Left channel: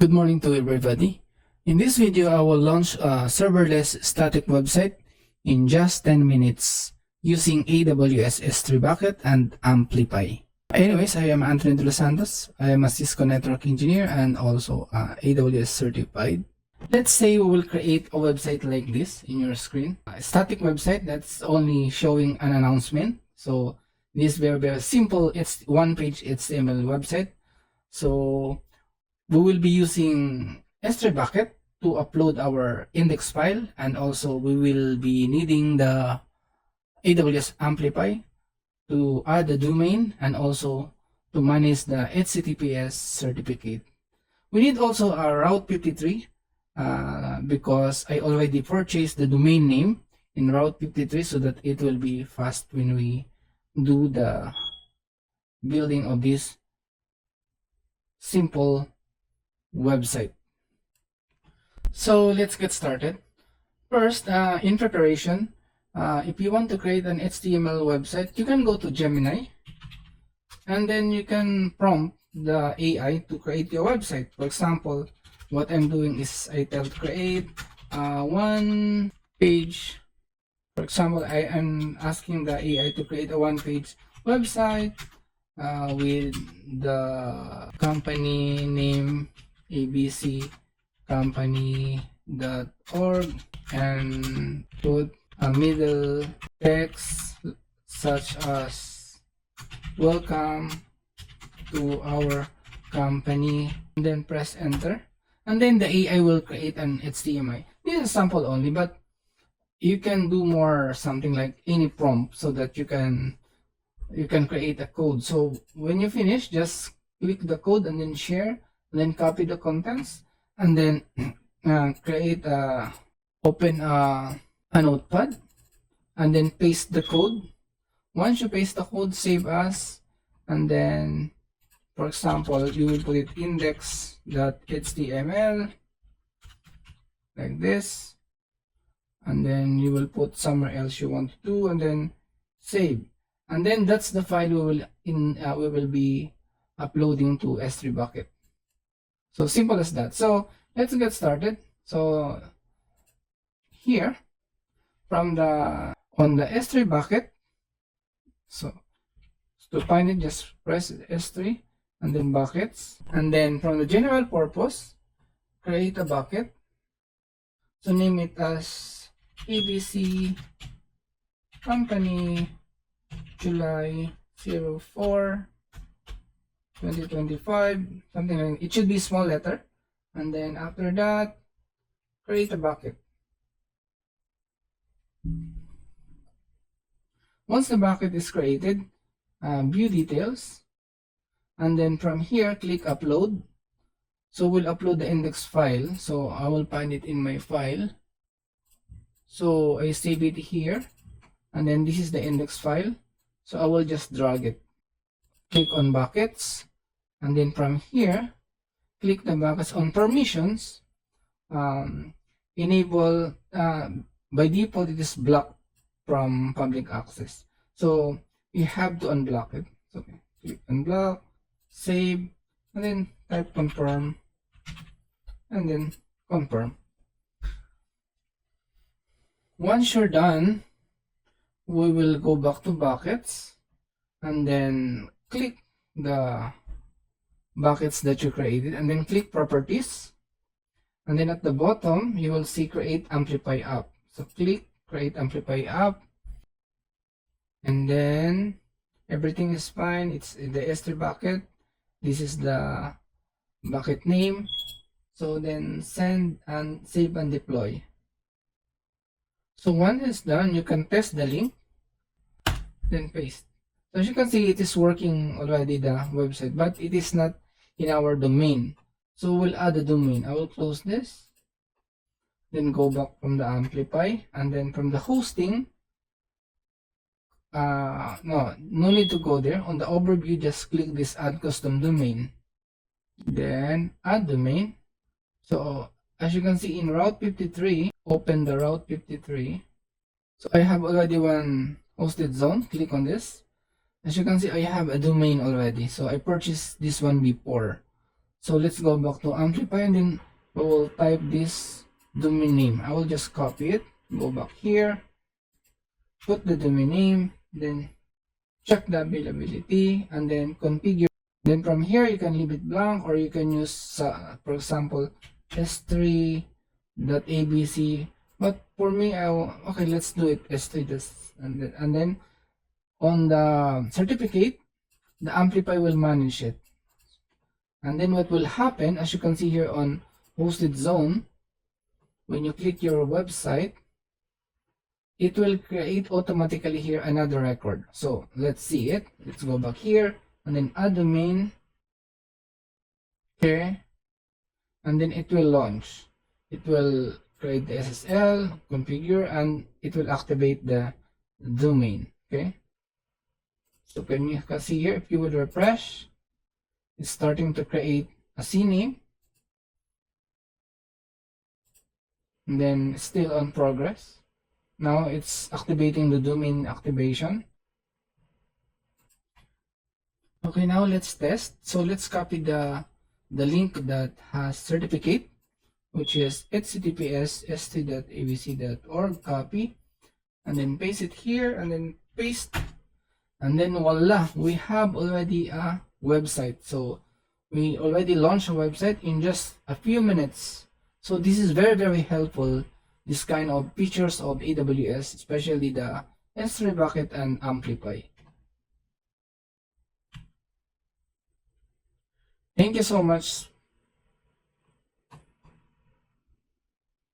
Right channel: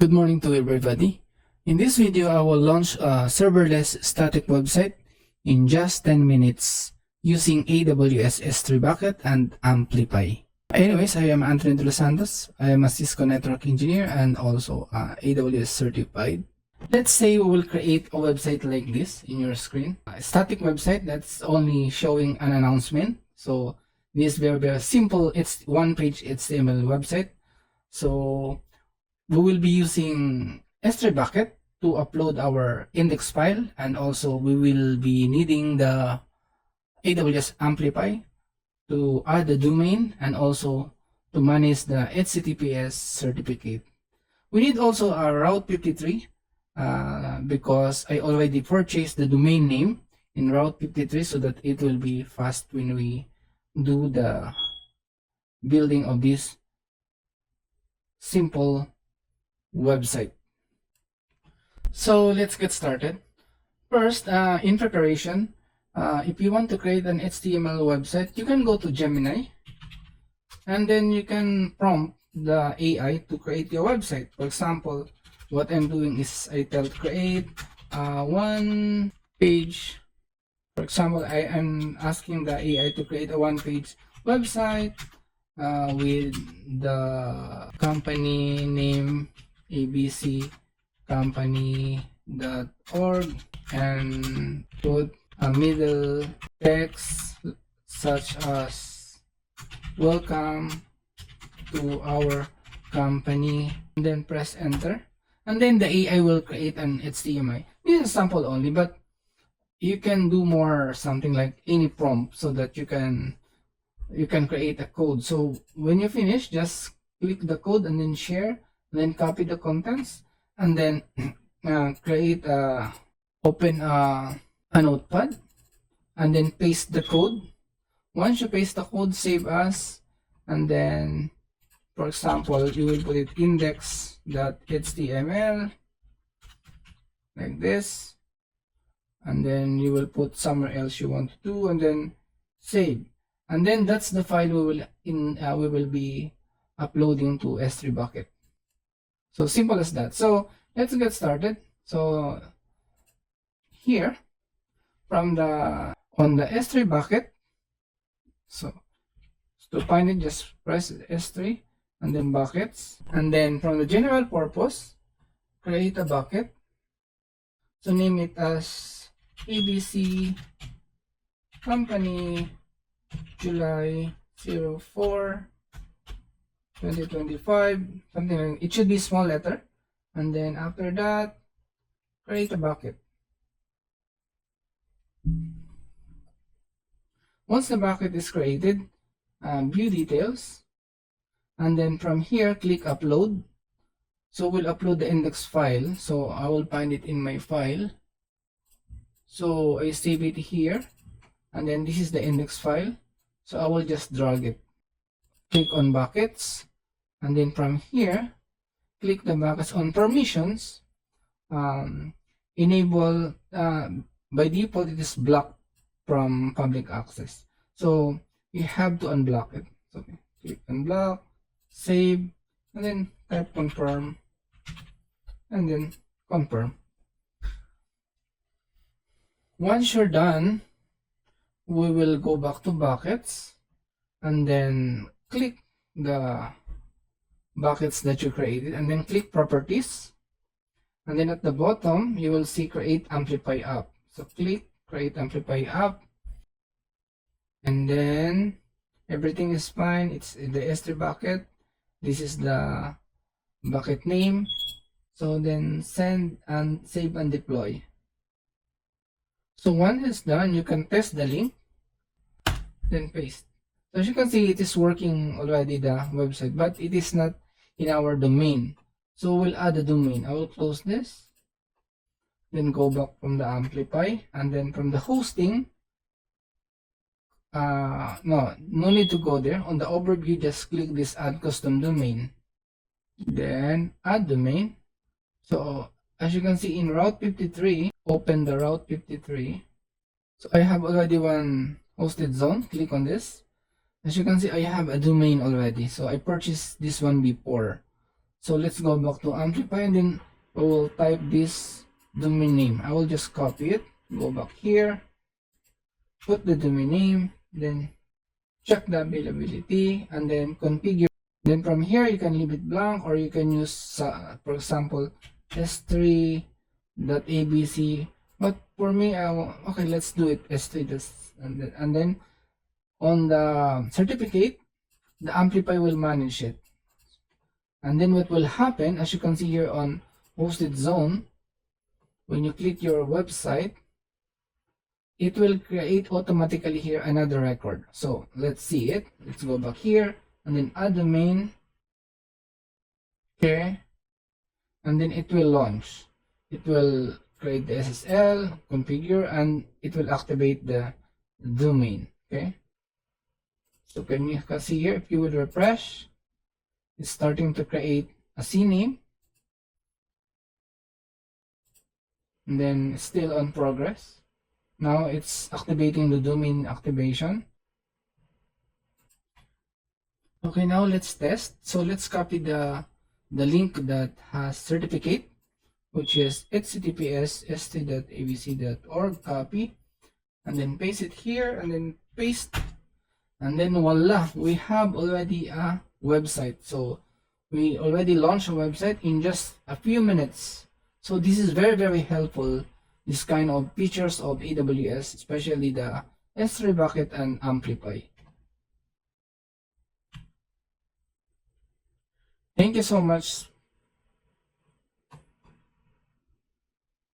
Good morning to everybody. In this video, I will launch a serverless static website in just 10 minutes using AWS S3 bucket and Amplify. Anyways, I am Anthony De Los Santos. I am a Cisco network engineer and also AWS certified. Let's say we will create a website like this in your screen. A static website that's only showing an announcement. So this is very simple. It's one-page HTML website. So we will be using S3 bucket to upload our index file, and also we will be needing the AWS Amplify to add the domain and also to manage the HTTPS certificate. We need also a Route 53 because I already purchased the domain name in Route 53 so that it will be fast when we do the building of this simple website. So let's get started. First, in preparation, if you want to create an HTML website, you can go to Gemini and then you can prompt the AI to create your website. For example, what I'm doing is I tell create one page. For example, I am asking the AI to create a one-page website with the company name abccompany.org and put a middle text such as welcome to our company, and then press enter, and then the AI will create an HTML. This is sample only, but you can do more, something like any prompt so that you can create a code. So when you finish, just click the code and then share, and then copy the contents, and then open a notepad and then paste the code. Once you paste the code, save as, and then for example you will put it index.html like this, and then you will put somewhere else you want to do, and then save, and then that's the file we will be uploading to S3 bucket. So simple as that. So let's get started. So here on the S3 bucket, so to find it, just press S3 and then buckets, and then from the general purpose, create a bucket. So name it as ABC company July 04 2025, something like it should be small letter, and then after that create a bucket. Once the bucket is created, view details, and then from here click upload. So we'll upload the index file, so I will find it in my file, so I save it here, and then this is the index file, so I will just drag it. Click on buckets, and then from here click the buckets on permissions. Enable, by default it is blocked from public access, so you have to unblock it. So click unblock, save, and then type confirm, and then confirm. Once you're done, we will go back to buckets and then click the buckets that you created, and then click properties, and then at the bottom you will see create amplify app. So click create amplify app, and then everything is fine. It's the S3 bucket. This is the bucket name. So then send and save and deploy. So once it's done, you can test the link, then paste. So as you can see, it is working already, the website, but it is not in our domain. So we'll add a domain. I will close this, then go back from the Amplify, and then from the hosting, no need to go there. On the overview, just click this add custom domain, then add domain. So as you can see in Route 53, open the Route 53. So I have already one hosted zone. Click on this. As you can see, I have a domain already, so I purchased this one before. So let's go back to Amplify, and then we will type this domain name. I will just copy it, go back here, put the domain name, then check the availability, and then configure. Then from here you can leave it blank, or you can use for example s3.abc, but for me okay, let's do it s3, and then on the certificate the Amplify will manage it. And then what will happen, as you can see here on hosted zone, when you click your website, it will create automatically here another record. So let's see it. Let's go back here and then add domain here, and then it will launch. It will create the SSL, configure, and it will activate the domain. Okay, so can you see here, if you would refresh, it's starting to create a CNAME, and then it's still on progress. Now it's activating the domain activation. Okay, now let's test. So let's copy the link that has certificate, which is https://st.abc.org. Copy, and then paste it here, and then paste, and then voila, we have already a website. So we already launched a website in just a few minutes. So this is very, very helpful, this kind of features of AWS, especially the S3 bucket and Amplify. Thank you so much